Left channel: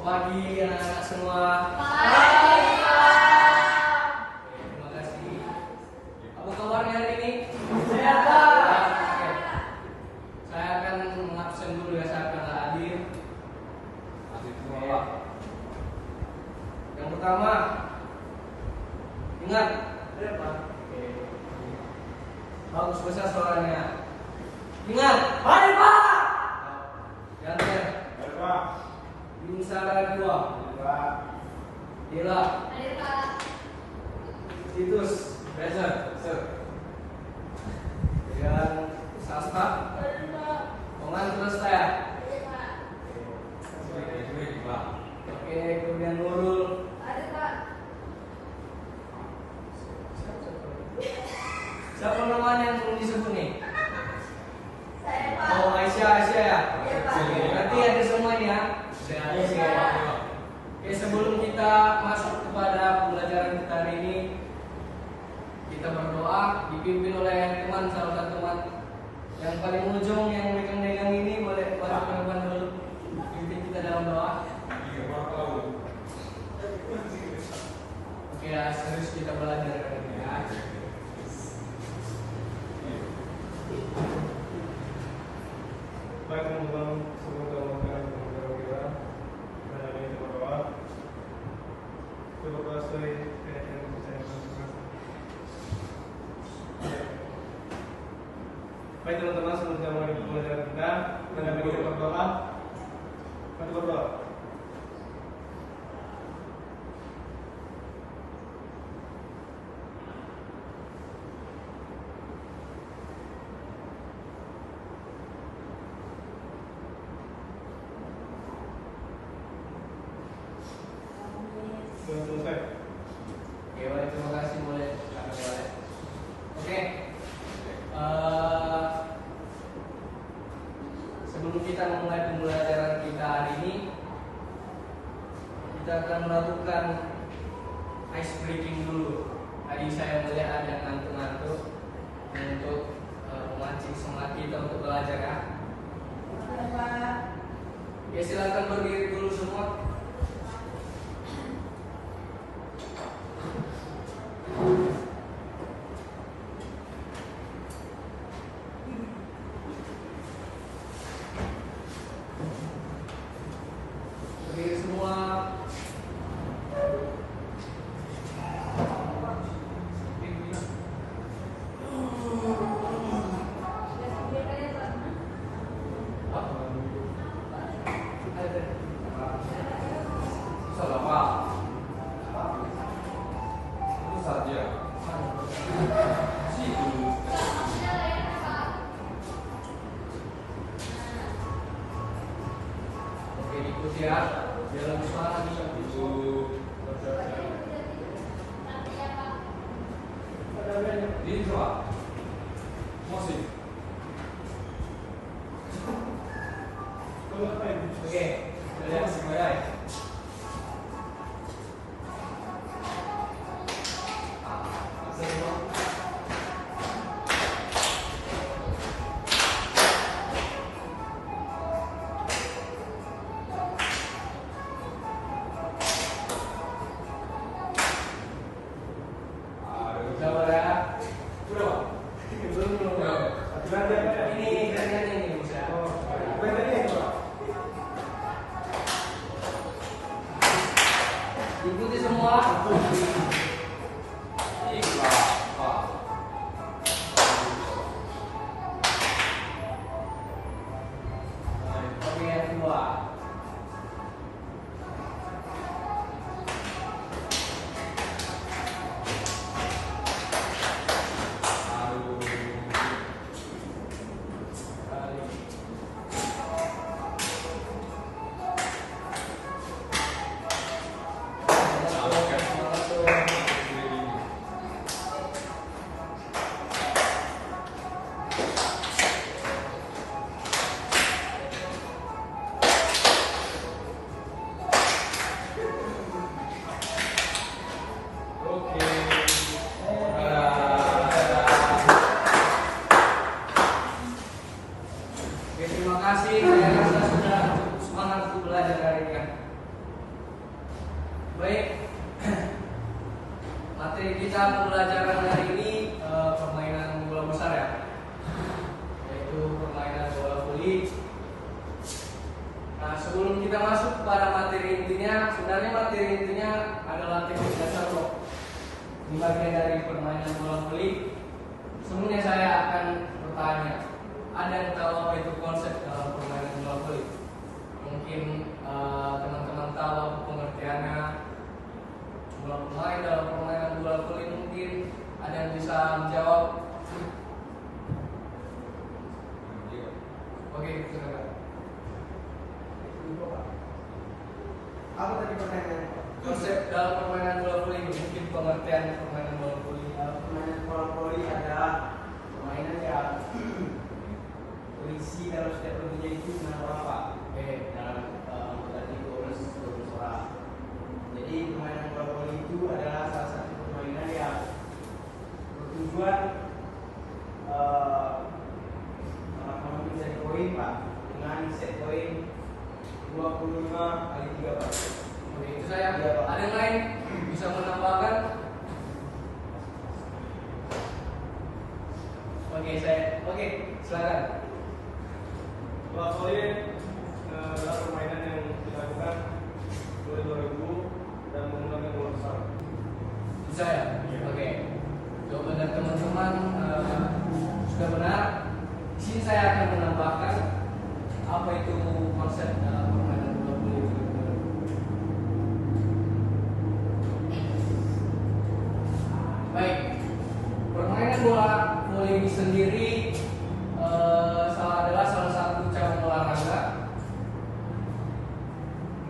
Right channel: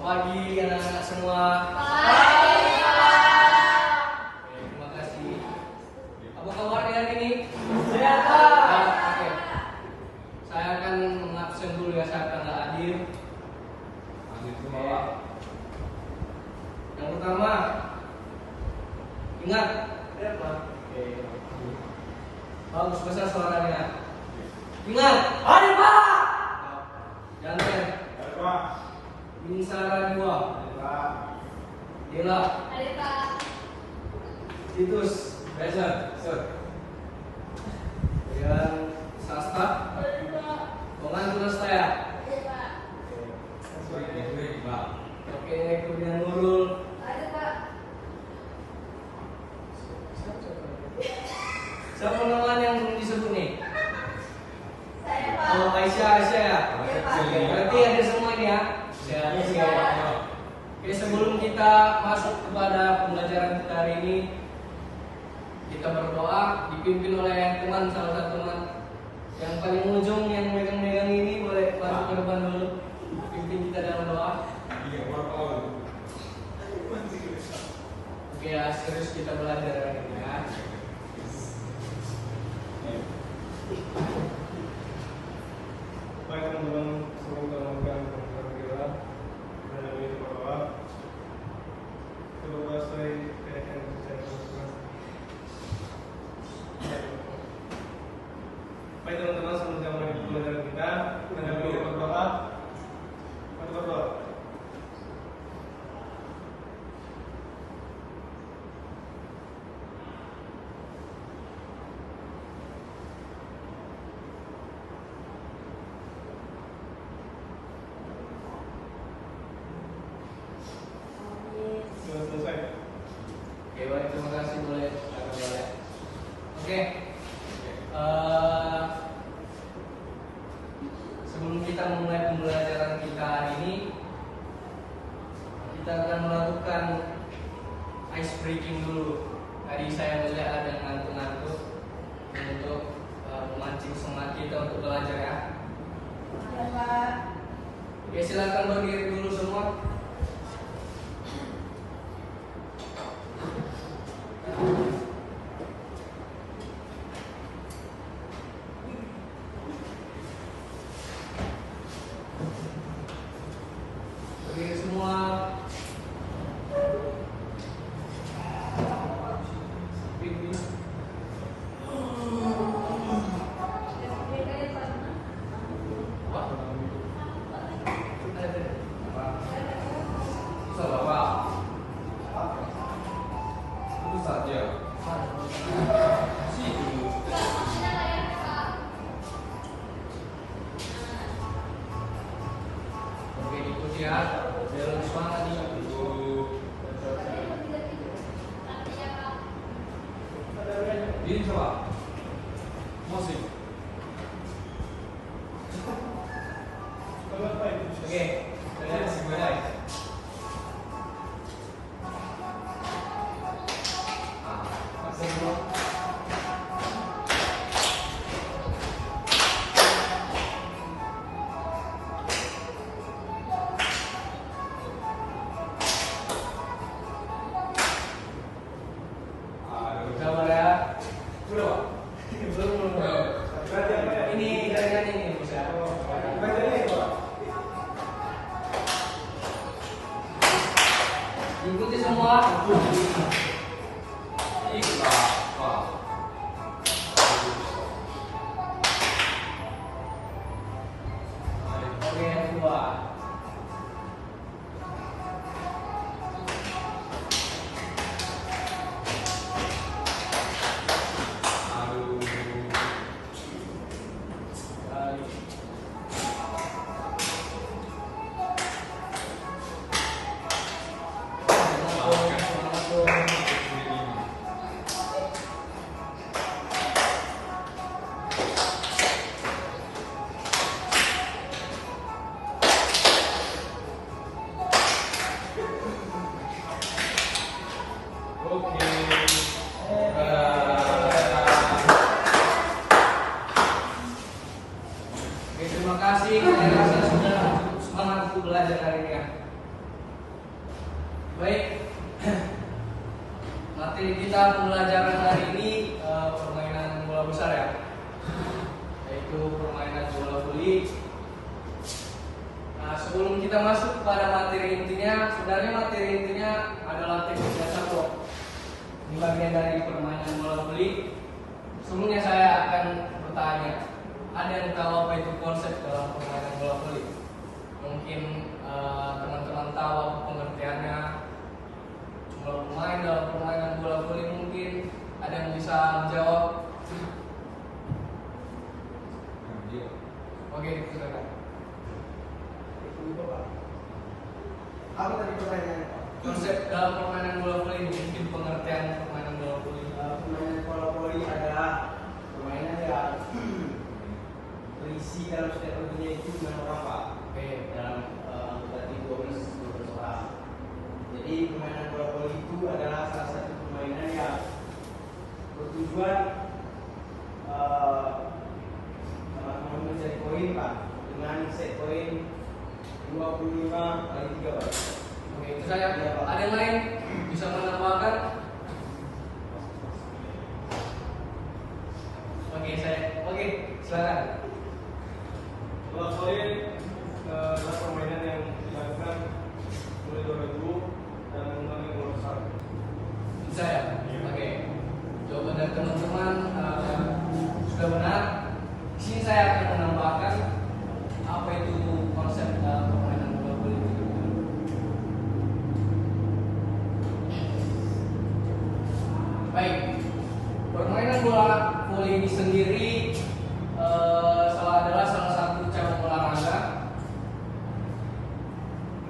Selamat pagi anak-anak semua. Pagi, Pak. Terima kasih. Apa kabarnya hari ini? Sehat, Pak. Oke. Saya akan mengabsen dulu ya, saya akan nggak hadir. Oke. Yang pertama, ingat. Ya, Pak. Oke. Bagus besar suaranya. Ingat. Hari, Pak. Jangan. Ini salah dua. Dila. Hari, Pak. Titus. Belajar. Sir. Dan Sasta. Hari, Pak. Pengantar saya. Hari, Pak. Oke, kemudian Nurul. Hari, Pak. Siapa namanya yang belum disebut nih? Saya, Pak. Oh, Aisyah ya. Iya, Pak. Berarti ada semua nih ya. Oke, sebelum kita masuk kepada pembelajaran kita hari ini, kita berdoa dipimpin oleh teman, salah satu teman yang paling ujung yang megang-megang ini, boleh masuk ke depan dulu, pimpin kita dalam doa. Oke, ya, serius kita belajar hari ini ya. Baik teman-teman, semoga melakukan pembelajaran kita dan hari ini berdoa. Coba selesai yang saya lakukan. Baik teman-teman, sebelum saya mulai pembelajaran kita, dan hari ini berdoa. Mari berdoa. Sudah selesai. Oke, baik, terima kasih, boleh kami boleh. Oke. Sebelum kita memulai pembelajaran kita hari ini, kita akan melakukan ice breaking dulu. Tadi saya melihat ada yang ngantuk-ngantuk untuk memancing semangat kita untuk belajar ya. Iya, Pak. Oke, silakan berdiri dulu semua. Berdiri semua. Salah Pak. Itu saja. Situ. Oke, ikut ya. Biar lebih semangat nih. Ini coba. Musik. Oke, sudah semuanya. Sabar ya. Udah, Pak. Belum. Ini kalian ini bisa. Ikuti semua. Ikhlas, Pak. Oke, yang kedua. Semangat, semangat. kita pembelajaran hari ini permainan bola besar ya, yaitu permainan bola voli. Nah, sebelum kita masuk pada materi intinya, sebenarnya materi intinya adalah teknik dasar kok. Ini bagian dari permainan bola voli. Sebelumnya saya akan bertanya, ada yang tahu apa itu konsep dalam permainan bola voli? Mungkin teman-teman tahu pengertiannya. Jumlah pemain dalam permainan bola voli, mungkin ada yang bisa menjawab? Oke, silakan. Apa tadi pertanyaannya? Konsep dalam permainan bola voli, mungkin pengertian permainan bola voli. Permainan bola voli adalah permainan yang berisi dalam setiap pertandingan itu dengan apa? Oke, Dalam berarti 12 orang. Jadi permainan bola voli itu adalah salah satu permainan yang bertujuan mencari poin Pak, dengan set poin 25 kali 3 Pak. oke, itu saya. Iya, Pak. Ada yang lain bisa menambahkan? Oke, silakan. Bola voli adalah permainan yang dilakukan mulai 2000 dan menggunakan bola besar. Bisa ya? Oke. Coba dan teman-teman sudah benar. Di sini saya akan menambahkan apa itu konsep permainan bola voli. Baik, permainan bola voli ini sendiri adalah salah satu cabang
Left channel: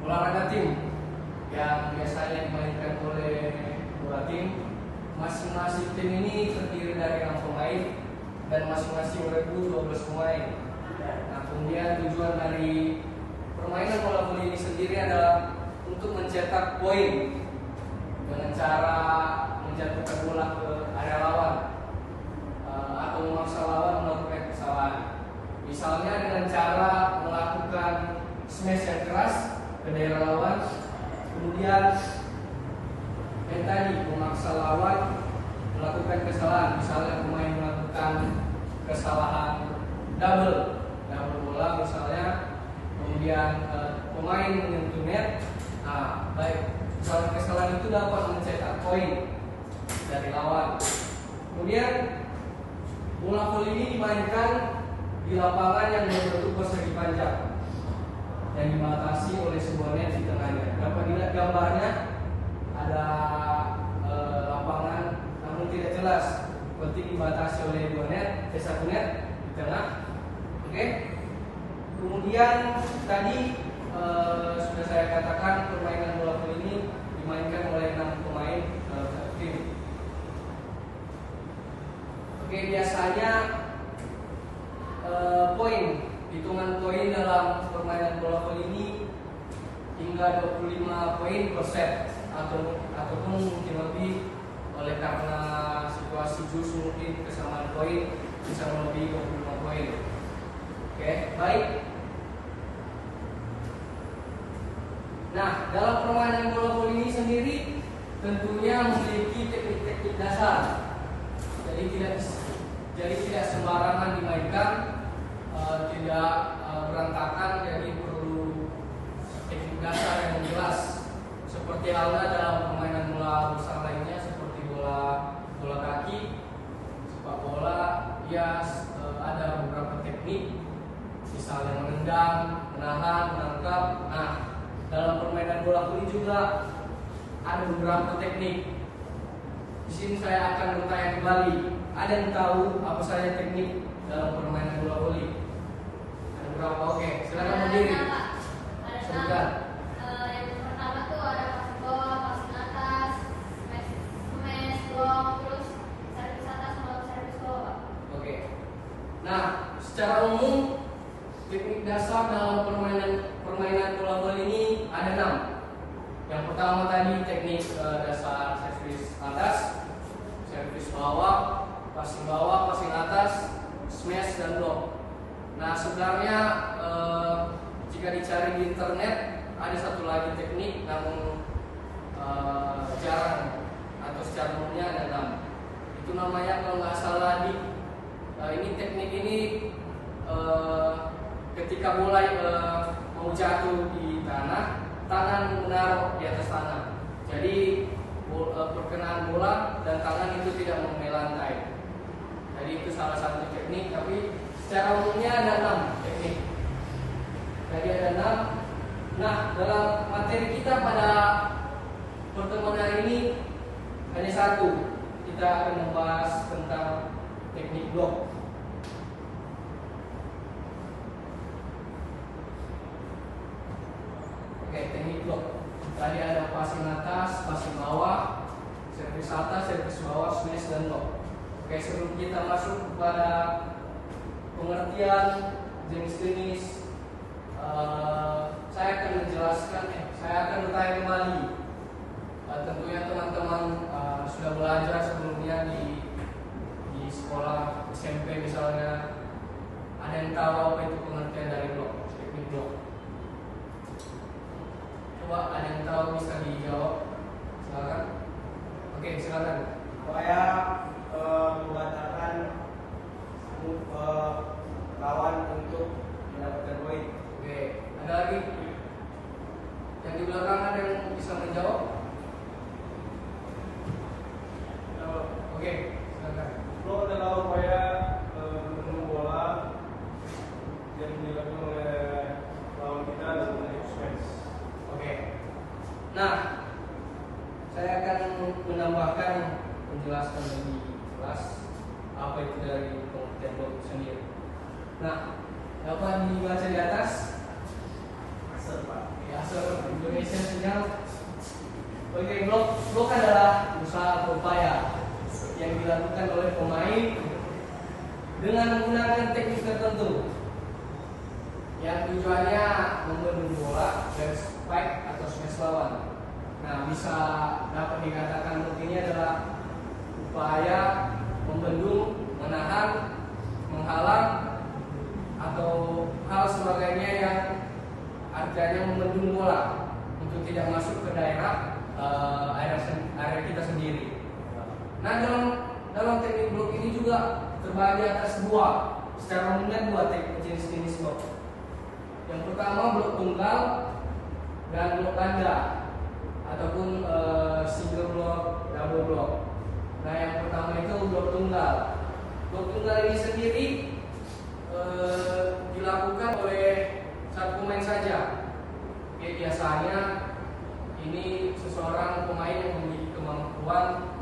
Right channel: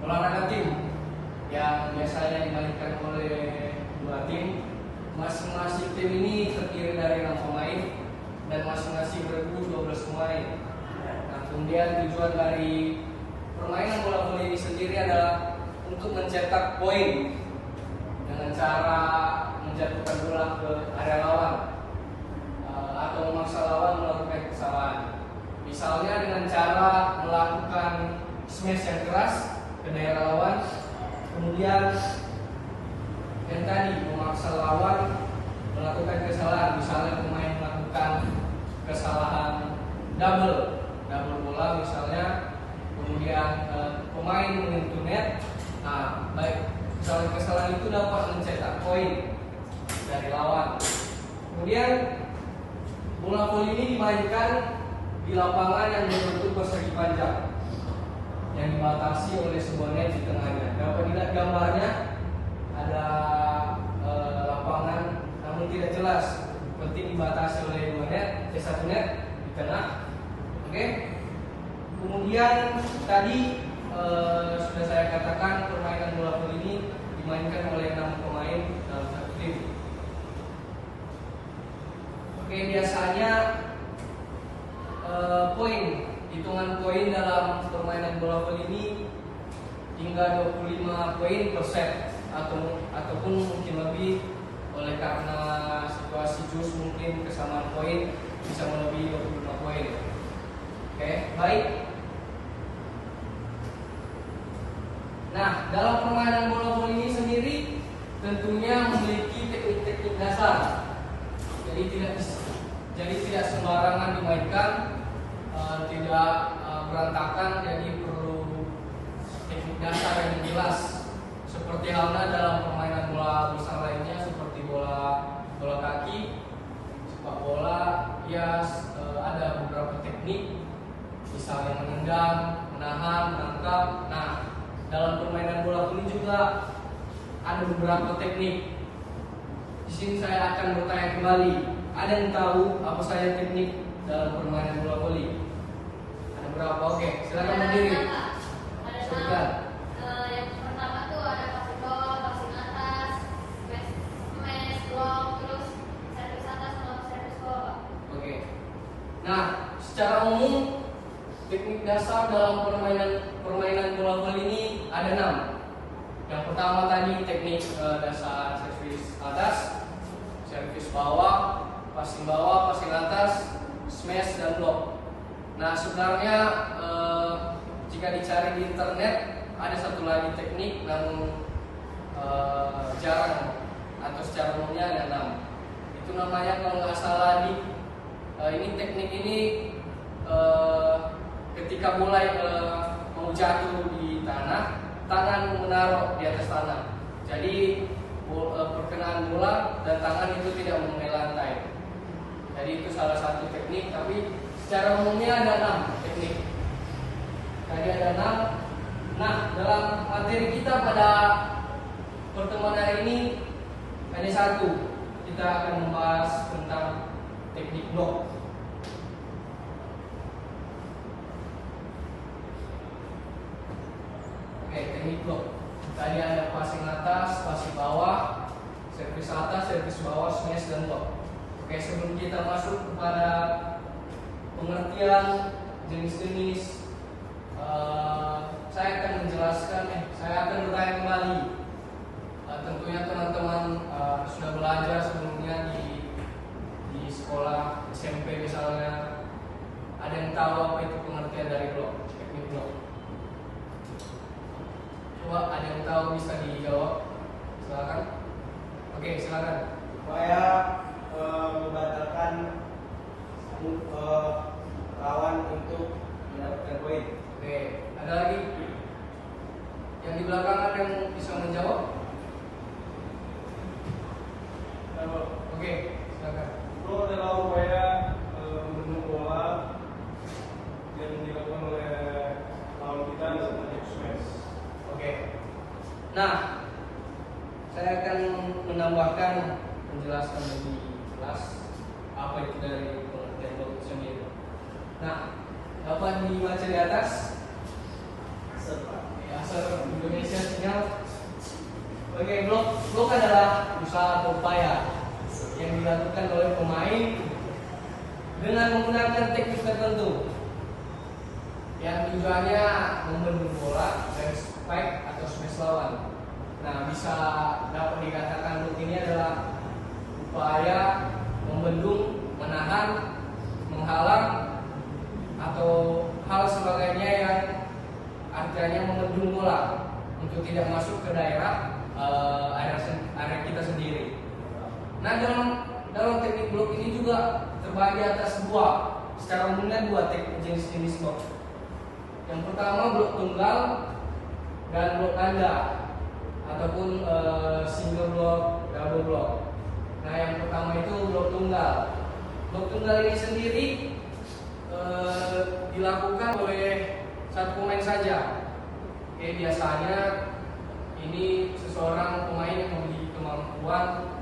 olahraga tim yang biasanya dimainkan oleh dua tim. Masing-masing tim ini terdiri dari 6 pemain dan masing-masing beregu 12 pemain. Nah, kemudian tujuan dari permainan bola voli ini sendiri adalah untuk mencetak poin dengan cara menjatuhkan bola ke area lawan atau memaksa lawan melakukan kesalahan. Misalnya dengan cara melakukan smash yang keras ke daerah lawan, kemudian yang tadi memaksa lawan melakukan kesalahan. Misalnya pemain melakukan kesalahan double bola misalnya, kemudian pemain menyentuh net. Nah, baik, misalnya kesalahan itu dapat mencetak poin dari lawan. Kemudian bola voli ini dimainkan di lapangan yang berbentuk persegi panjang yang dibatasi oleh sebuah net di tengahnya. Dapat dilihat gambarnya, ada lapangan namun tidak jelas, penting dibatasi oleh satu net di tengah. Oke. Kemudian tadi sudah saya katakan permainan bola voli ini dimainkan oleh 6 pemain dalam satu tim. Oke, biasanya hitungan poin dalam permainan bola voli ini hingga 25 poin per set ataupun mungkin lebih, oleh karena situasi jus mungkin kesamaan poin bisa melebihi 25 poin. Oke, baik. Nah, dalam permainan bola voli ini sendiri tentunya memiliki teknik-teknik dasar. Jadi tidak sembarangan dimainkan, tidak berantakan. Jadi perlu teknik dasar yang jelas. Seperti halnya dalam permainan bola besar lainnya seperti bola kaki, sepak bola, ya ada beberapa teknik, misalnya menendang, menahan, menangkap. Nah, dalam permainan bola voli juga ada beberapa teknik. Di sini saya akan bertanya kembali, ada yang tahu apa saja teknik dalam permainan bola voli? Ada berapa? Oke, silakan berdiri. Silakan. Yang pertama tuh ada passing bawah, passing atas, smash, block, terus servis atas sama servis bawah. Oke. Nah, secara umum teknik dasar dalam permainan bola voli ini ada 6. Yang pertama tadi teknik dasar servis atas, servis bawah, passing atas, smash dan block. Nah, sebenarnya jika dicari di internet ada satu lagi teknik namun jarang atau secara umumnya ada 6. Itu namanya kalau nggak salah ini teknik ini ketika mulai mau jatuh di tanah, tangan menaruh di atas tanah. Jadi perkenaan bola dan tangan itu tidak mengenai lantai. Jadi itu salah satu teknik, tapi secara umumnya ada 6 teknik. Tadi ada 6. Nah, dalam materi kita pada pertemuan hari ini hanya satu. Kita akan membahas tentang teknik blok. Oke, teknik blok. Tadi ada passing atas, passing bawah, servis atas, servis bawah, smash dan blok. Oke, sebelum kita masuk kepada pengertian jenis-jenis, saya akan menjelaskan, saya akan bertanya kembali. Tentunya teman-teman sudah belajar sebelumnya di sekolah SMP misalnya, ada yang tahu apa itu pengertian dari blok, teknik blok? Coba ada yang tahu bisa dijawab, silakan. Oke, silakan. Supaya membatalkan lawan untuk mendapatkan poin. Oke, ada lagi yang di belakang ada yang bisa menjawab? Oke, silakan. Blok adalah upaya membendung bola yang dilakukan oleh lawan kita dalam bentuk smash. Oke. Nah, saya akan menambahkan menjelaskan lebih jelas apa itu dari pengertian blok itu sendiri. Nah, dapat dibaca di atas. Asal Indonesia sinyal. Oke, blok adalah usaha atau upaya yang dilakukan oleh pemain dengan menggunakan teknik tertentu yang tujuannya membendung bola dari spike atau smash lawan. Nah, bisa dapat dikatakan blok ini adalah upaya membendung, menahan, menghalang atau hal sebagainya yang artinya membendung bola untuk tidak masuk ke daerah area kita sendiri. Nah, dalam teknik blok ini juga terbagi atas secara umumnya dua teknik jenis blok. Yang pertama blok tunggal dan blok ganda ataupun single block, double block. Nah, yang pertama itu blok tunggal. Blok tunggal ini sendiri dilakukan oleh satu pemain saja. Oke, biasanya ini seseorang pemain yang memiliki kemampuan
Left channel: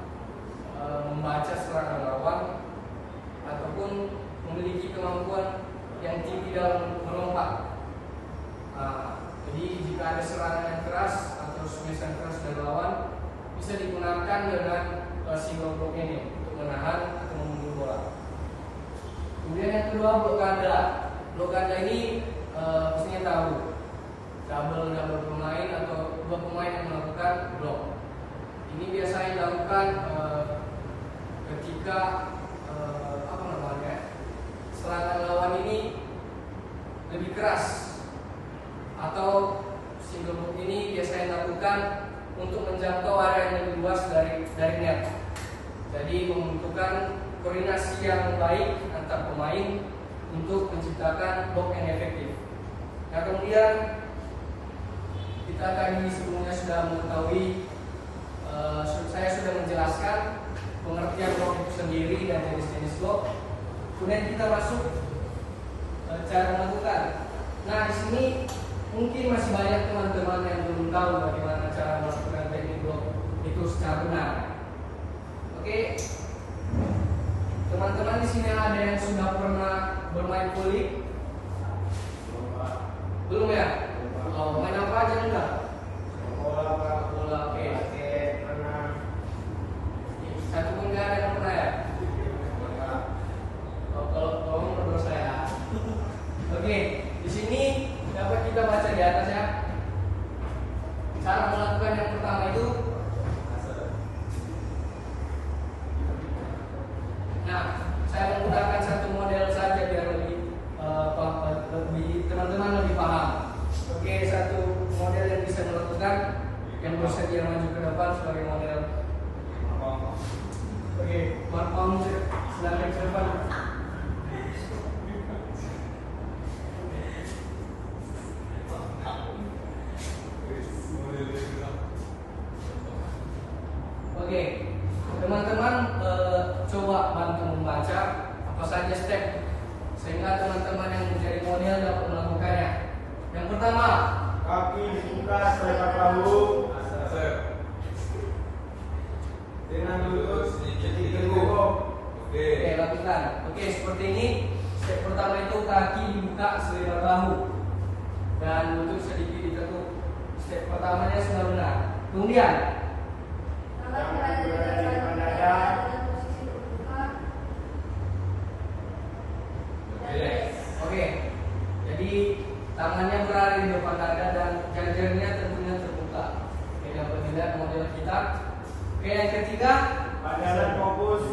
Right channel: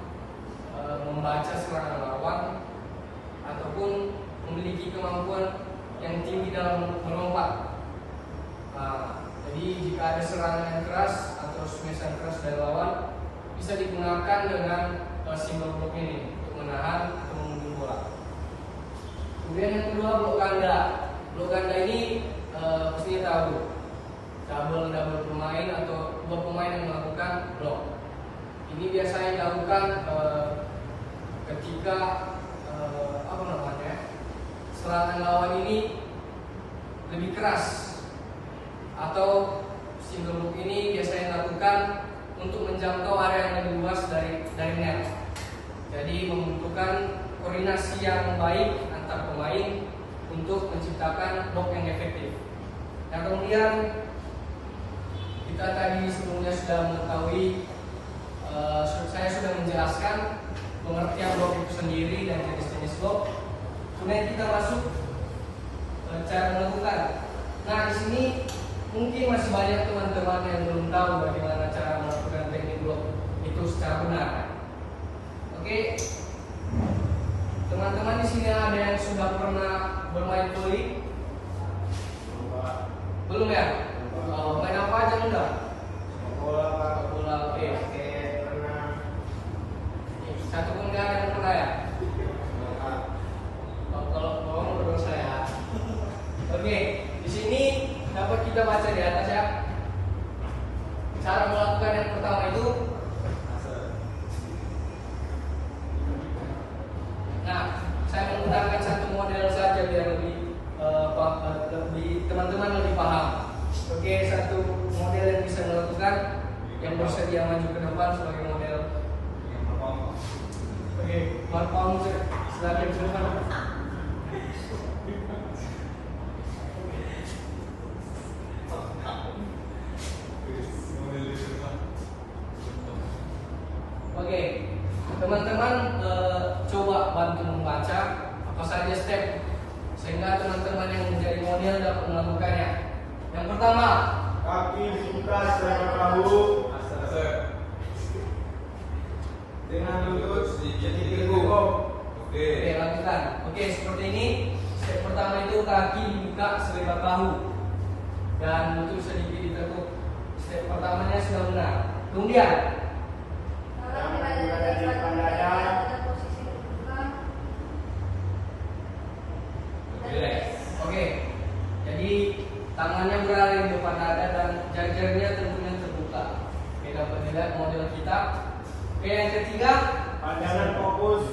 membaca serangan lawan ataupun memiliki kemampuan yang tinggi dalam melompat. Jadi jika ada serangan yang keras atau smash yang keras dari lawan, bisa digunakan dengan single block ini untuk menahan atau membendung bola. Kemudian yang kedua blok ganda. Blok ganda ini pastinya tahu, double pemain atau dua pemain yang melakukan blok. Ini biasanya dilakukan ketika serangan lawan ini lebih keras, atau single block ini biasanya dilakukan untuk menjangkau area yang lebih luas dari net. Jadi membutuhkan koordinasi yang baik antar pemain untuk menciptakan blok yang efektif. Nah, kemudian kita tadi sebelumnya sudah mengetahui, saya sudah menjelaskan pengertian blok itu sendiri dan jenis-jenis blok. Kemudian kita masuk cara melakukan. Nah, di sini mungkin masih banyak teman-teman yang belum tahu bagaimana cara melakukan teknik blok itu secara benar. Oke, teman-teman di sini ada yang sudah pernah bermain volley? Belum ya? Main apa aja nih, Kak? Bola, oke. Satu pun nggak ada yang pernah ya? Kalau menurut saya. Oke, di sini dapat kita baca di atas ya. Cara melakukan yang pertama itu. Nah, saya menggunakan satu model saja biar lebih teman-teman lebih paham. Oke, satu model yang bisa melakukan, yang bersedia maju ke depan sebagai model. Oke, Marpam silakan ke depan. Oke, teman-teman coba bantu membaca apa saja step sehingga teman-teman yang menjadi model dapat melakukannya. Yang pertama, Kaki dibuka selebar bahu dengan lutut sedikit teguk. oke lakukan. Oke, seperti ini. Step pertama itu kaki dibuka selebar bahu dan lutut sedikit ditekuk. Step pertamanya sudah benar. Kemudian, Tangan berada di depan dada dengan posisi terbuka. oke. Jadi tangannya berada di depan dada dan jari-jarinya tentunya terbuka. Oke, dapat dilihat model kita. Oke, yang ketiga. Pandangan fokus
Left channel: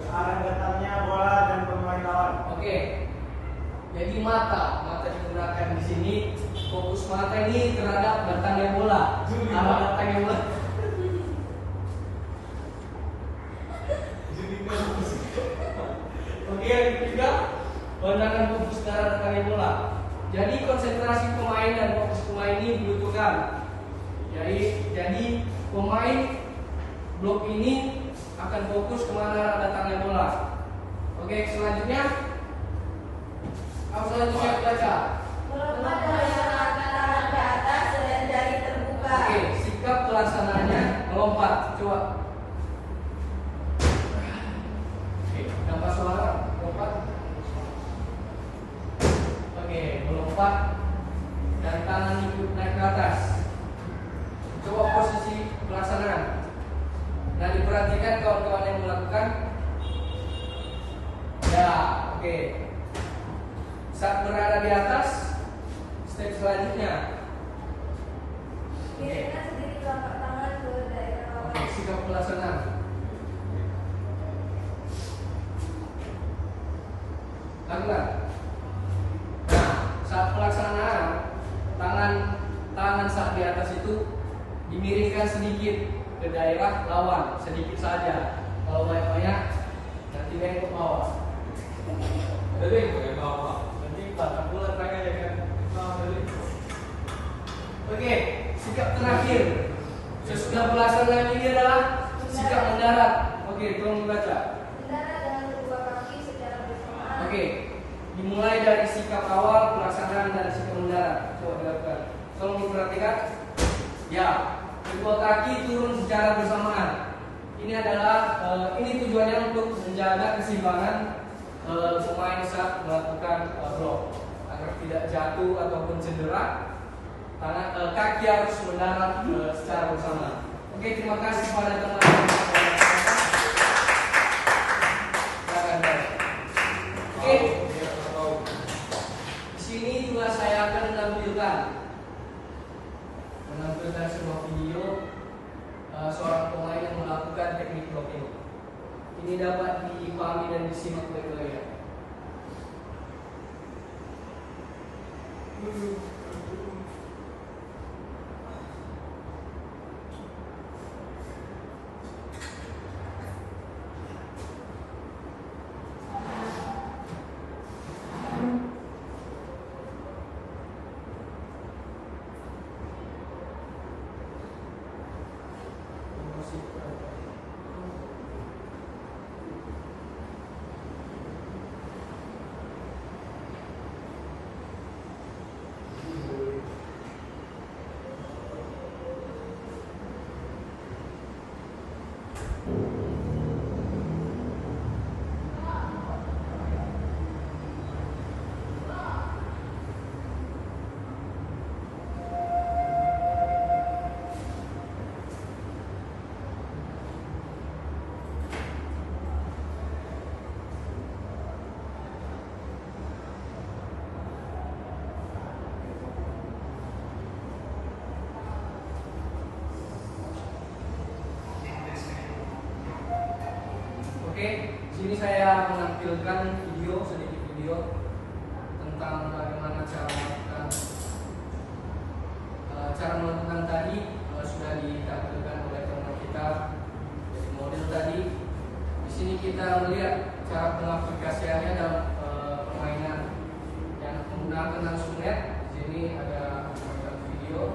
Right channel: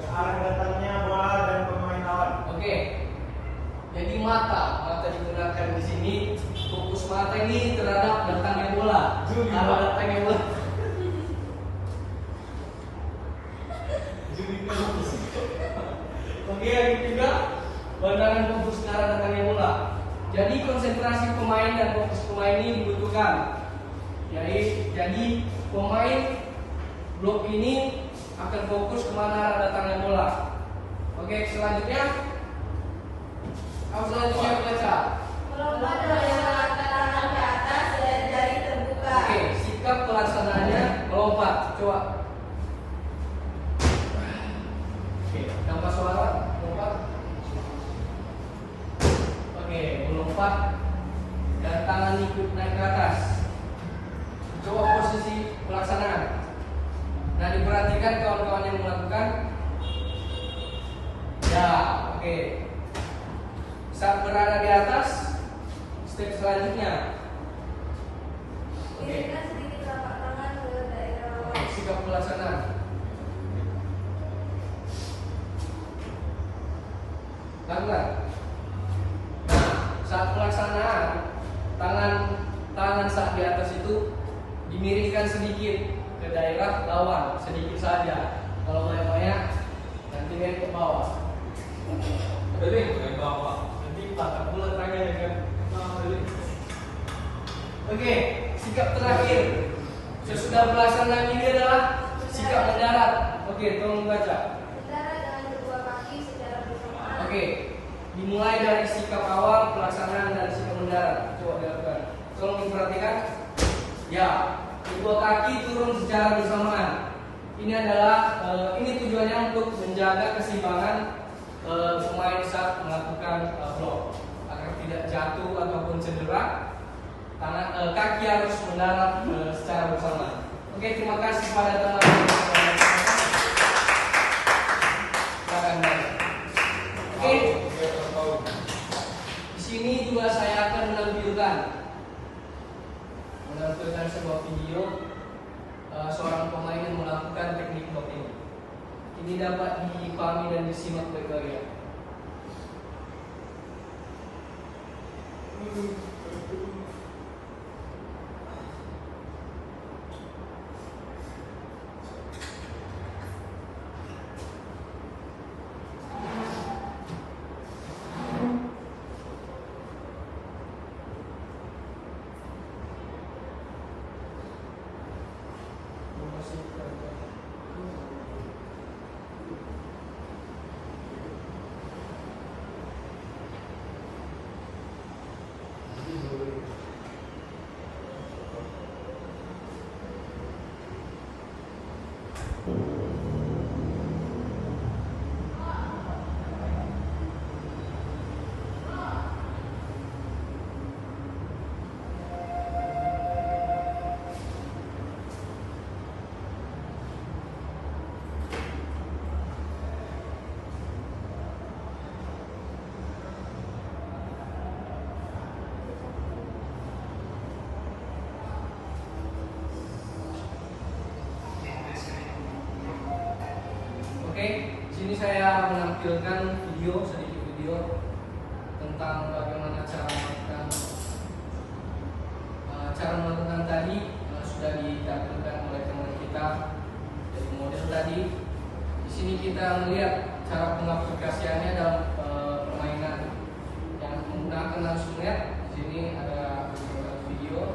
ke arah datangnya bola dan pemain lawan. Oke. Jadi mata digunakan di sini. Fokus mata ini terhadap datangnya bola. Arah datangnya bola. Oke, yang ketiga, pandangan fokus ke arah datangnya bola. Jadi konsentrasi pemain dan fokus pemain ini dibutuhkan. Jadi pemain blok ini akan fokus kemana arah datangnya bola. Oke, selanjutnya apa selanjutnya baca? Melompat melebarkan tangan ke atas dan jari terbuka. Oke, sikap pelaksanaannya melompat. Coba. Oke, tanpa solawat, lompat. Oke, melompat dan tangan ikut naik ke atas. Coba posisi pelaksanaan. Nah, diperhatikan kawan-kawan yang melakukan. Ya, oke. Saat berada di atas, step selanjutnya. Iringan sedikit telapak tangan ke daerah lawan. Oke, sikap pelaksanaan. Lakukan. Nah, saat pelaksanaan, tangan saat di atas itu dimiringkan sedikit ke daerah lawan, sedikit saja. Kalau banyak-banyak, nanti naik ke bawah. Ada yang ke bawah. Nanti patah pula tangannya kan. Oke, sikap terakhir. Sesudah pelaksanaan ini adalah sikap mendarat. Oke, tolong baca. Mendarat dengan kedua kaki secara bersamaan. Oke, dimulai dari sikap awal, pelaksanaan dan sikap mendarat. Coba dilakukan. Tolong diperhatikan. Ya, kedua kaki turun secara bersamaan. Ini adalah ini tujuannya untuk menjaga keseimbangan pemain saat melakukan blok agar tidak jatuh ataupun cedera. Kaki harus mendarat secara bersamaan. Oke, terima kasih pada teman-teman. Silakan, Bang. Oke. Di sini juga saya akan menampilkan sebuah video seorang pemain yang melakukan teknik blok ini. Ini dapat dipahami dan disimak baik-baik ya. Oke, sini saya menampilkan sedikit video tentang bagaimana cara melakukan tadi sudah ditampilkan oleh teman kita. Jadi kita melihat cara pengaplikasiannya dalam permainan yang menggunakan langsung net. Di sini ada beberapa video.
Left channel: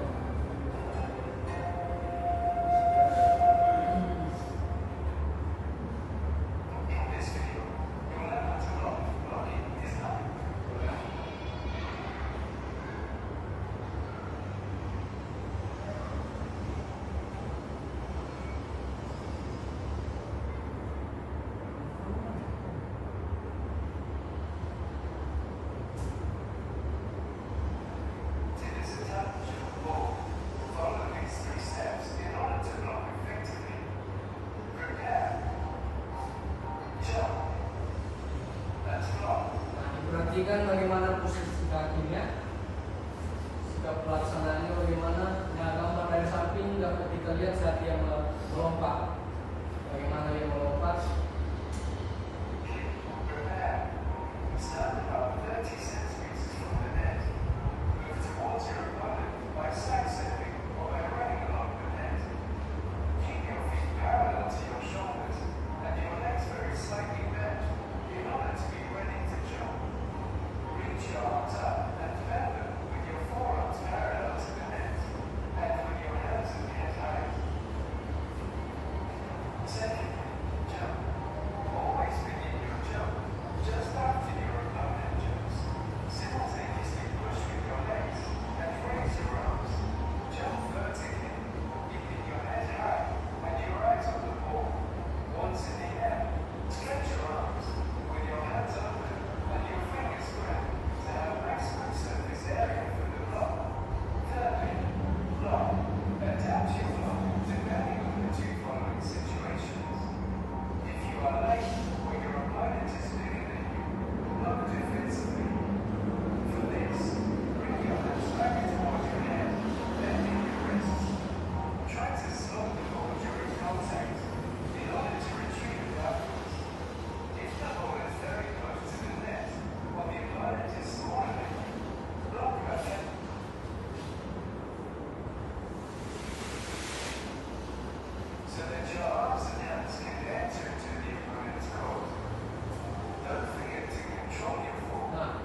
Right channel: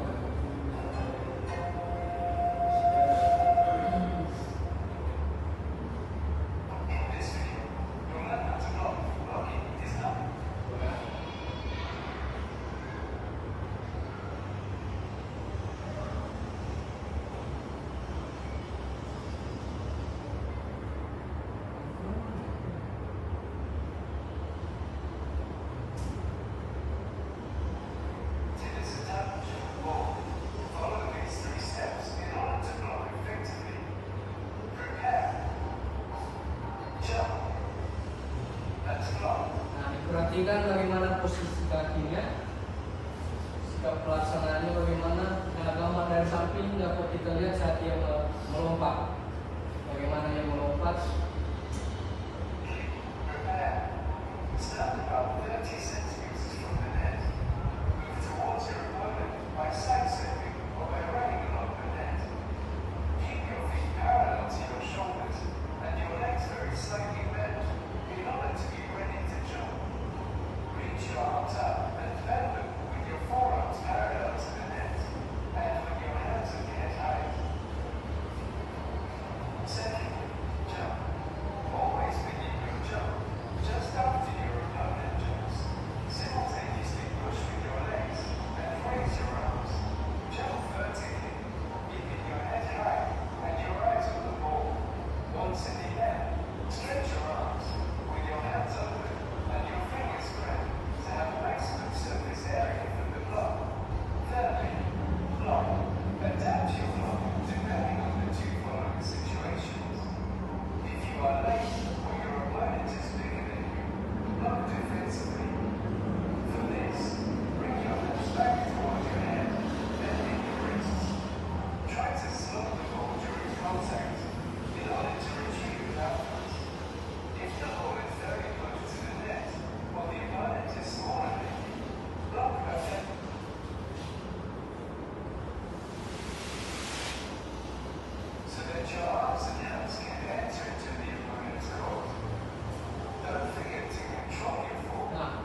Perhatikan bagaimana posisi kakinya, sikap pelaksanaannya bagaimana. Nah, gambar dari samping dapat kita lihat saat dia melompat, bagaimana dia melompat.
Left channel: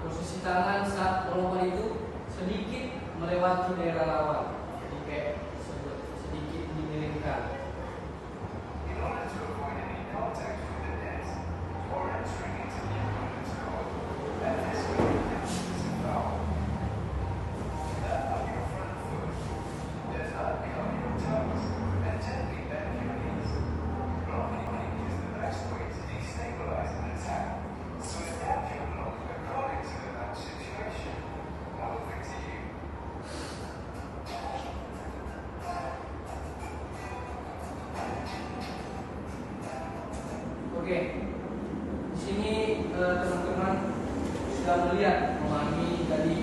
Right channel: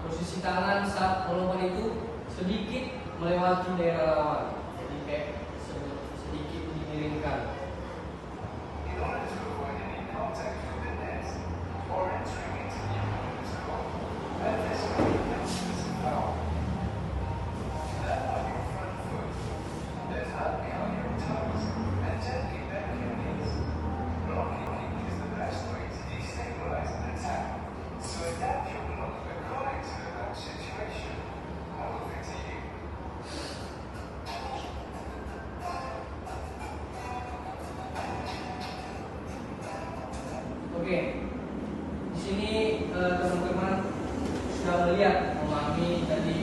Posisi tangan saat melompat itu sedikit melewati daerah lawan, jadi kayak sedikit dimiringkan. Oke, di sini teman-teman sudah melihat, memahami dari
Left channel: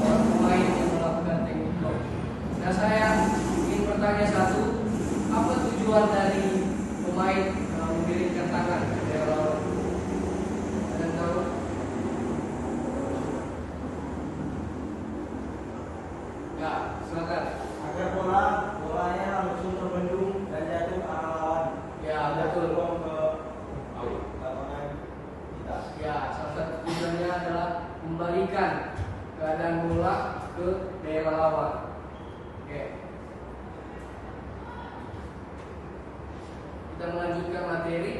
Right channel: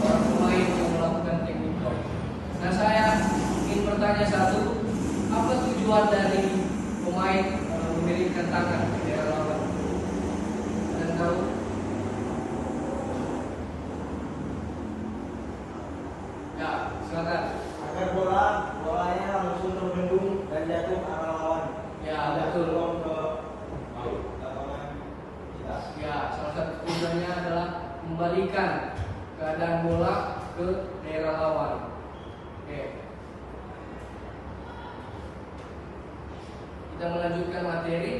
orang pemain yang melakukan teknik block. Nah, saya ingin bertanya satu, apa tujuan dari pemain memberikan tangan ke daerah lawan? Ada yang tahu? Ya, silakan. Agar bolanya langsung terbendung dan jatuh ke arah lawan. Ya, betul. Ke lapangan kita. Ya, salah satu tujuannya adalah membalikan keadaan bola ke daerah lawan. Oke. Kita melanjutkan materi.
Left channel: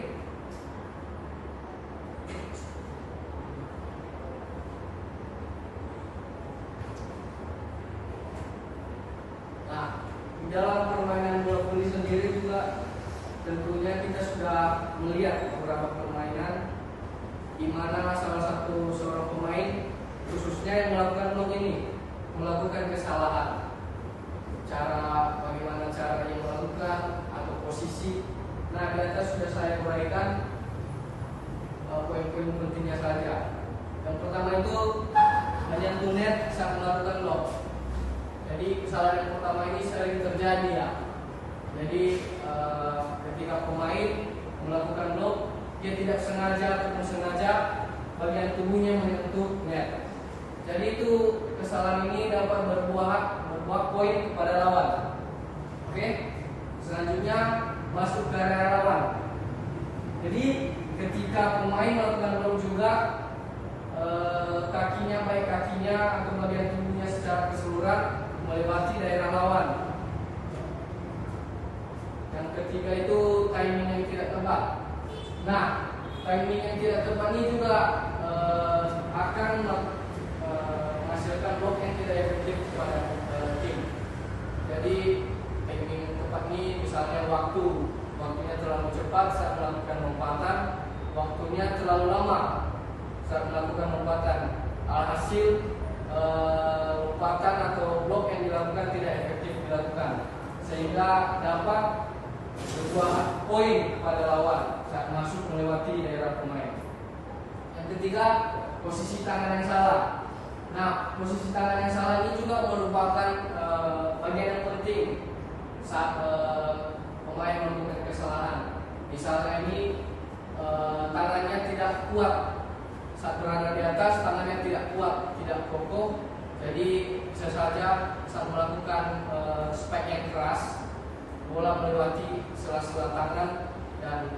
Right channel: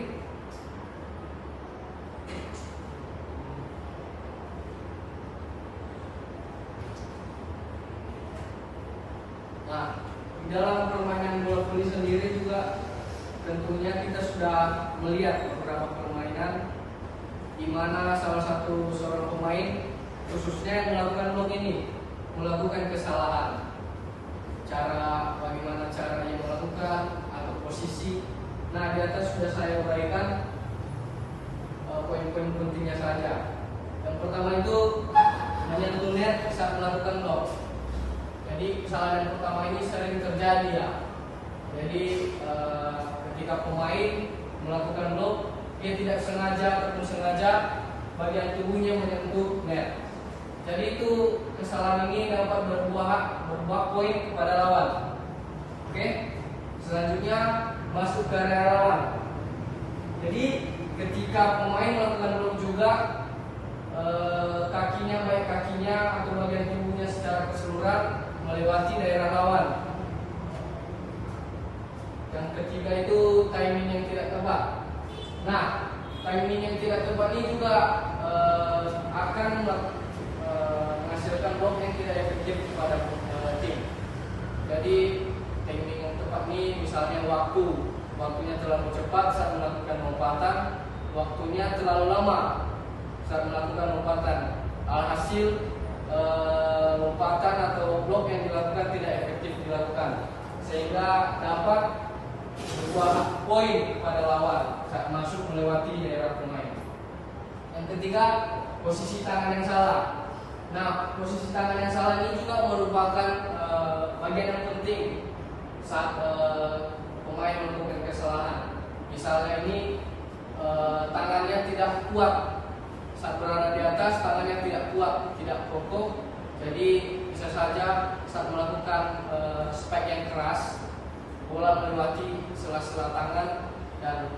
Nah, di dalam permainan bola voli sendiri juga tentunya kita sudah melihat beberapa permainan di mana salah satu seorang pemain khususnya yang melakukan blok ini melakukan kesalahan. Bagaimana caranya melakukan atau posisi. Nah, di atas sudah saya uraikan poin-poin pentingnya saja. Yang pertama itu menyentuh net saat melakukan blok. Jadi kesalahan yang pertama ini sering terjadi ya. Jadi ketika pemain melakukan blok, dia tidak sengaja ataupun sengaja bagian tubuhnya menyentuh net. Jadi itu kesalahan ini dapat berbuah poin pada lawan. Oke. Selanjutnya masuk ke area lawan. Jadi ketika pemain melakukan blok juga, kakinya, baik kakinya atau bagian tubuhnya secara keseluruhan melewati daerah lawan. Yang ketiga itu timing yang tidak tepat. Nah, timing yang tidak tepat ini juga akan menghasilkan blok yang tidak efektif kepada tim. Jadi timing yang tepat ini misalnya waktunya terlalu cepat saat melakukan lompatan, waktunya terlalu lama saat melakukan lompatan. Alhasil lompatan atau blok yang dilakukan tidak efektif dilakukan, sehingga dapat membuat poin kepada lawan saat masuk melewati daerah pemain. Yang ketiga, posisi tangan yang salah. Nah, posisi tangan yang salah ini juga merupakan bagian yang penting saat pemain melakukan kesalahan. Misalnya ini tangannya tidak kuat saat berada di atas, tangannya tidak kuat, tidak kokoh. Jadi bisa saja saat melakukan spike yang keras, bola melewati sela-sela tangan dan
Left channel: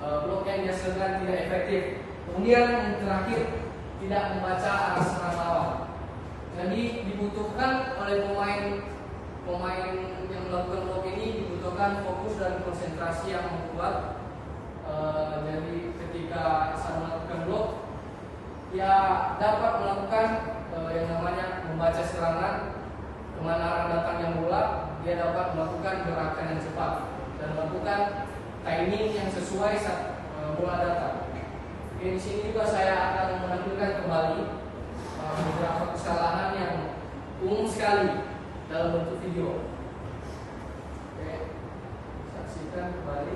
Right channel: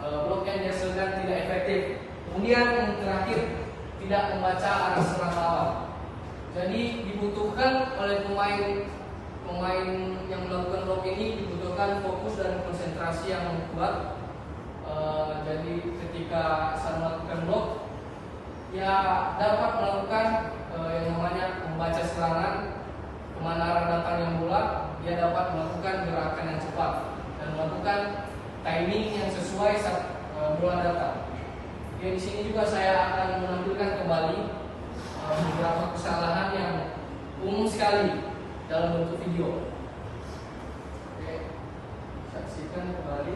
blok yang dihasilkan tidak efektif. Kemudian yang terakhir, tidak membaca arah serang lawan. Jadi dibutuhkan oleh pemain yang melakukan blok ini dibutuhkan fokus dan konsentrasi yang kuat. Jadi ketika saat melakukan blok, dapat melakukan yang namanya membaca serangan, kemana arah datangnya bola, dia dapat melakukan gerakan yang cepat dan melakukan timing yang sesuai saat bola datang. Oke, di sini juga saya akan menampilkan kembali beberapa kesalahan yang umum sekali dalam bentuk video. Oke, saksikan kembali.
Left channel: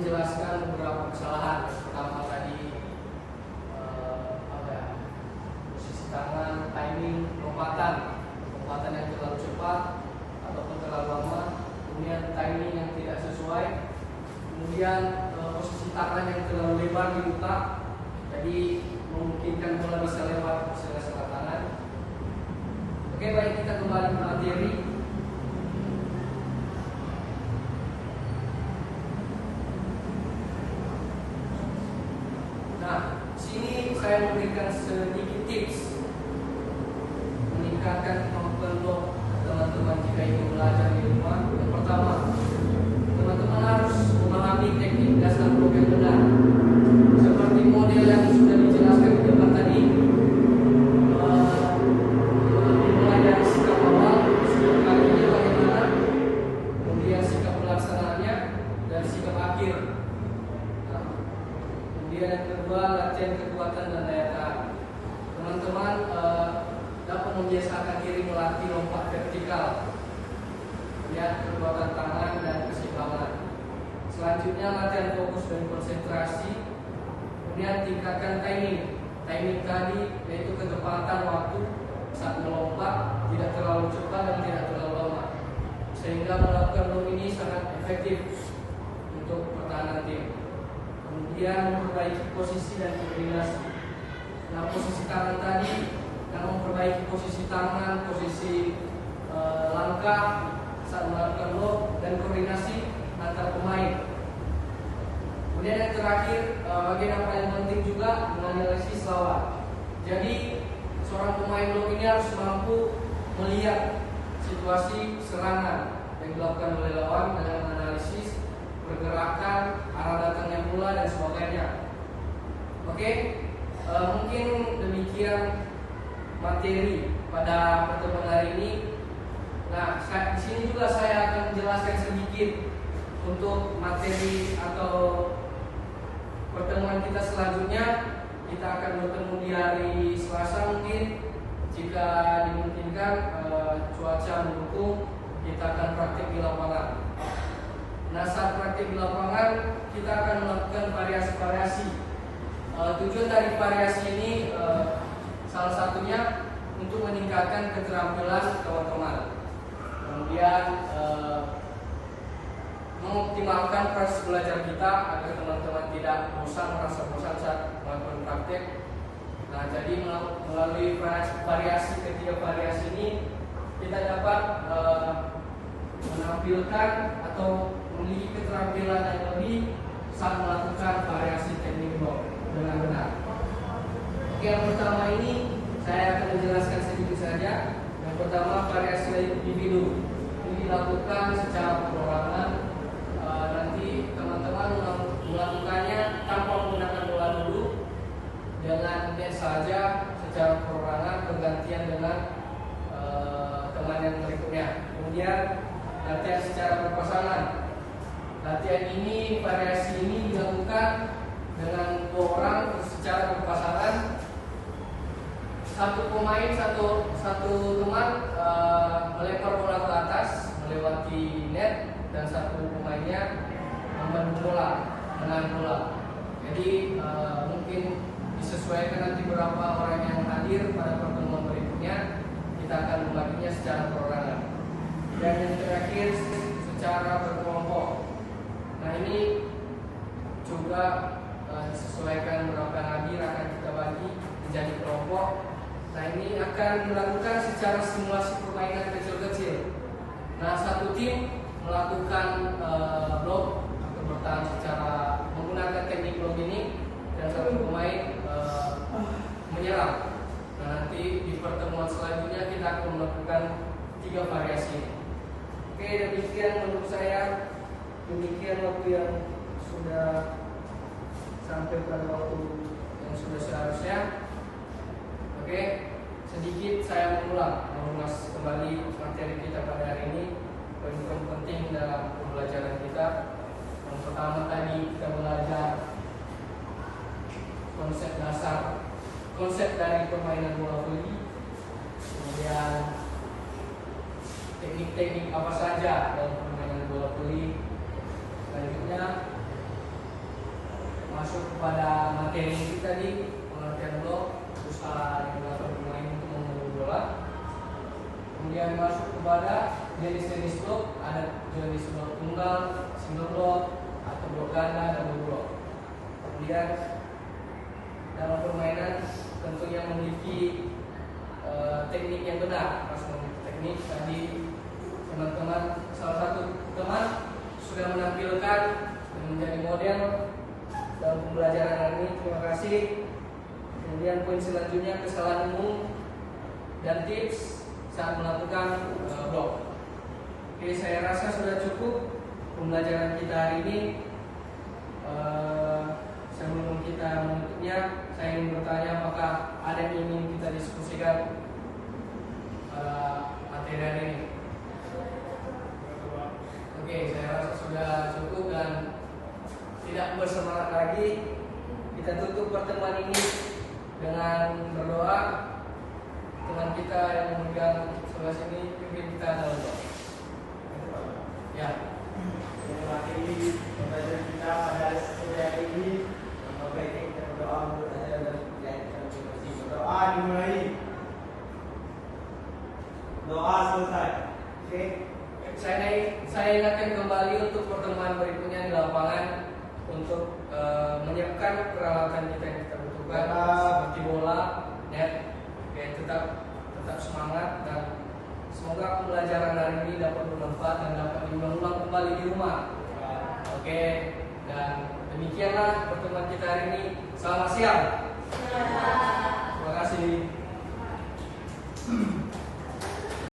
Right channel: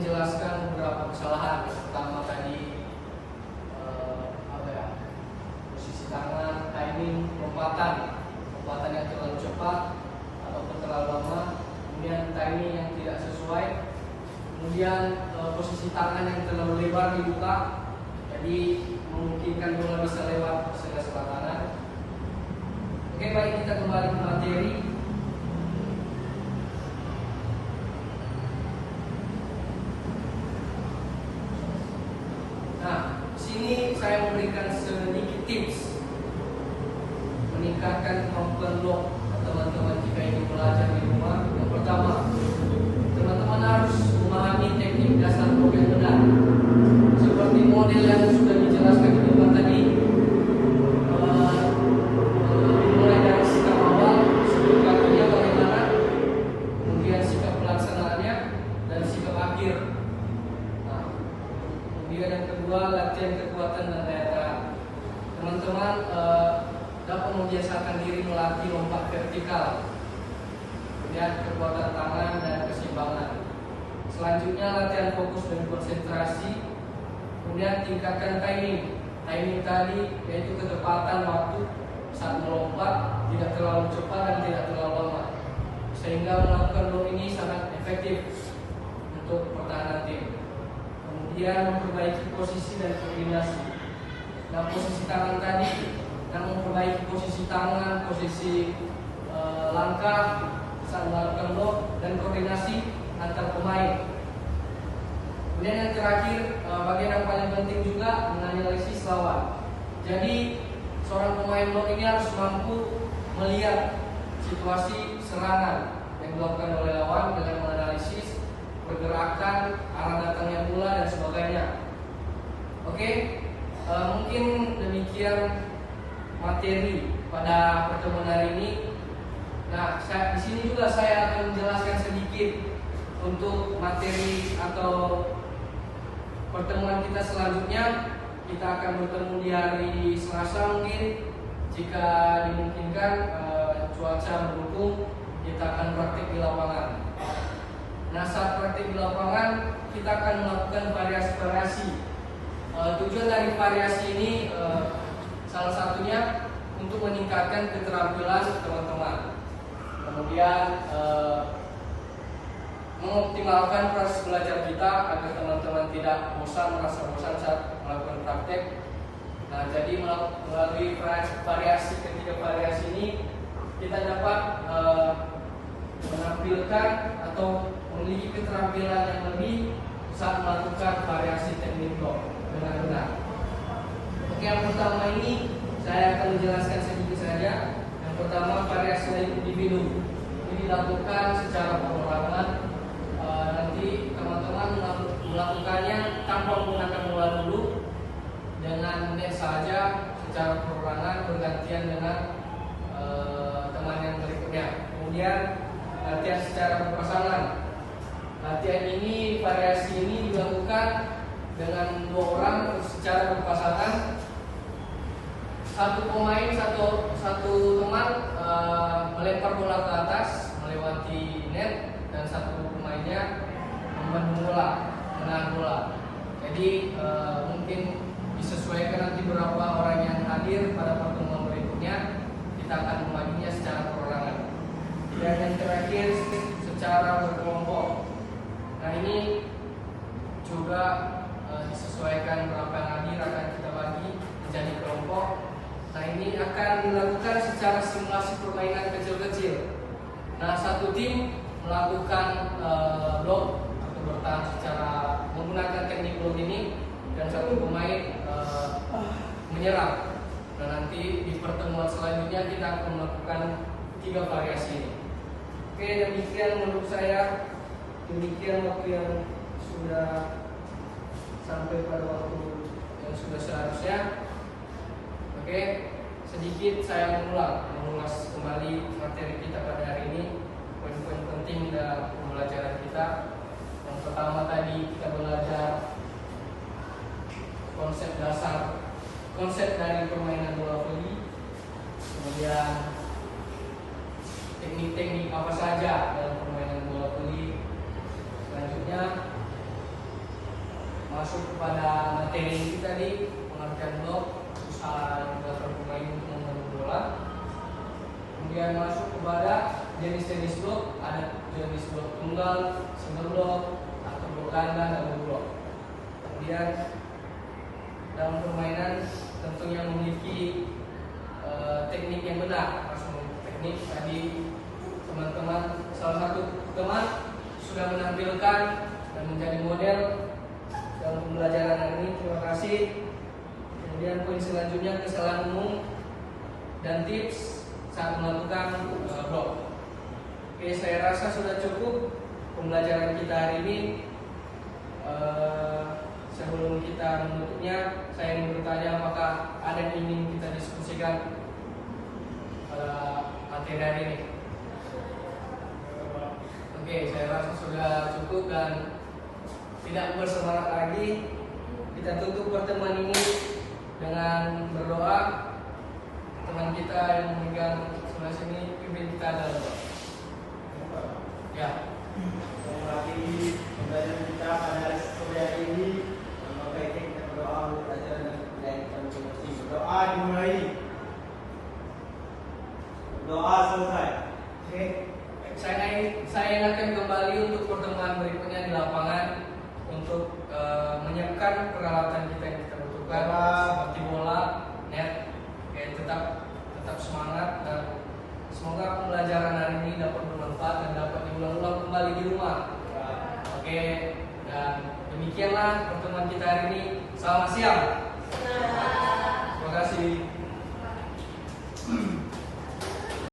menjelaskan beberapa kesalahan. Pertama tadi posisi tangan, timing, lompatan yang terlalu cepat ataupun terlalu lama, kemudian timing yang tidak sesuai, kemudian posisi tangan yang terlalu lebar dibuka, jadi memungkinkan bola bisa lewat sela-sela tangan. Oke, baik, kita kembali ke materi. Nah, sini saya memberikan sedikit tips meningkatkan kemampuan blok teman-teman jika ingin belajar di rumah. Yang pertama, teman-teman harus memahami teknik dasar blok yang benar. Seperti model yang sudah dijelaskan di depan tadi, mulai dari sikap awal, kakinya bagaimana, kemudian sikap pelaksanaannya, dan sikap akhir. Nah, kemudian yang kedua, latihan kekuatan dan daya tahan. Teman-teman dapat membiasakan diri melatih lompat vertikal, lihat kekuatan tangan dan keseimbangan. Selanjutnya latihan fokus dan konsentrasi. Kemudian tingkatkan timing. Timing tadi yaitu ketepatan waktu saat melompat, tidak terlalu cepat dan tidak terlalu lama, sehingga melakukan blok ini sangat efektif untuk pertahanan tim. Kemudian memperbaiki posisi dan koordinasi. Nah, posisi tangan tadi yang memperbaiki posisi tangan, posisi langkah saat melakukan blok, dan koordinasi antar pemain. Kemudian yang terakhir, bagian yang paling penting juga menganalisis lawan. Jadi seorang pemain blok ini harus mampu melihat situasi serangan yang dilakukan oleh lawan dengan menganalisis pergerakan, arah datangnya bola dan sebagainya. Oke, mungkin demikian materi pada pertemuan hari ini. Nah, di sini juga saya akan menjelaskan sedikit untuk materi atau pertemuan kita selanjutnya. Kita akan bertemu di hari Selasa mungkin, jika dimungkinkan cuaca mendukung, kita akan praktik di lapangan. Nah, saat praktik di lapangan kita akan melakukan variasi-variasi. Tujuan dari variasi ini salah satunya untuk meningkatkan keterampilan teman-teman, kemudian mengoptimalkan proses belajar kita agar teman-teman tidak merasa bosan saat melakukan praktek. Nah, jadi melalui ketiga variasi ini kita dapat menampilkan atau memiliki keterampilan yang lebih saat melakukan variasi teknik blok dengan benar. Oke, yang pertama ini saya akan menjelaskan sedikit saja. Yang pertama, variasi individu. Ini dilakukan secara perorangan. Nanti teman-teman melakukannya tanpa menggunakan bola dulu, dengan net saja secara perorangan bergantian dengan teman yang berikutnya. Kemudian latihan secara berpasangan. Latihan ini, variasi ini dilakukan dengan 2 orang secara berpasangan. Satu pemain, satu teman melempar bola ke atas melewati net, dan satu pemainnya membendung bola, menahan bola. Jadi mungkin disesuaikan nanti berapa orang yang hadir pada pertemuan berikutnya. Kita akan membaginya secara perorangan. Dan yang terakhir, secara berkelompok. Nah, ini juga disesuaikan berapa yang hadir akan kita bagi menjadi kelompok. Nah, ini akan dilakukan secara simulasi permainan kecil-kecil. Nah, satu tim melakukan blok atau bertahan secara menggunakan teknik blok ini, dan satu pemain menyerang. Nah, nanti di pertemuan selanjutnya kita akan melakukan 3 variasi ini. Oke, demikian menurut saya. Demikian waktu yang sudah sampai pada waktu yang sudah seharusnya. Oke, sedikit saya mengulas kembali materi kita pada hari ini. Poin-poin penting dalam pembelajaran kita. Yang pertama tadi kita belajar konsep dasar, konsep dari permainan bola voli, kemudian teknik-teknik apa saja dalam permainan bola voli. Selanjutnya masuk kepada materi kita tadi, pengertian blok, usaha yang dilakukan pemain untuk membangun bola. Kemudian masuk kepada jenis-jenis blok, ada jenis blok tunggal, single blok, atau blok ganda dan blok. Kemudian dalam permainan tentunya memiliki teknik yang benar, harus memiliki teknik. Tadi teman-teman, salah satu teman sudah menampilkan dan menjadi model dalam pembelajaran hari ini. Terima kasih. Kemudian poin selanjutnya, kesalahan umum dan tips saat melakukan blok. Oke, saya rasa sudah cukup pembelajaran kita hari ini. Sebelum kita menutupnya, saya ingin bertanya apakah ada yang ingin kita diskusikan materi hari ini. Oke, saya rasa sudah cukup dan tidak bersemangat lagi. Kita tutup pertemuan ini dengan berdoa. Teman kita yang memegang sebelah sini, pimpin kita dalam doa. Ya. Mengakhiri pembelajaran kita pada sore hari ini, baiknya kita berdoa untuk pelajaran dan pembelajaran kita masing-masing. Berdoa dimulai. Doa selesai. Oke. Saya ingatkan kembali untuk pertemuan berikutnya di lapangan untuk menyiapkan peralatan kita yang kita butuhkan seperti bola, net. Oke, tetap semangat dan semoga pembelajaran hari ini dapat bermanfaat dan dapat diulang-ulang kembali di rumah. Oke, dan demikianlah pertemuan kita hari ini. Selamat siang. Terima kasih.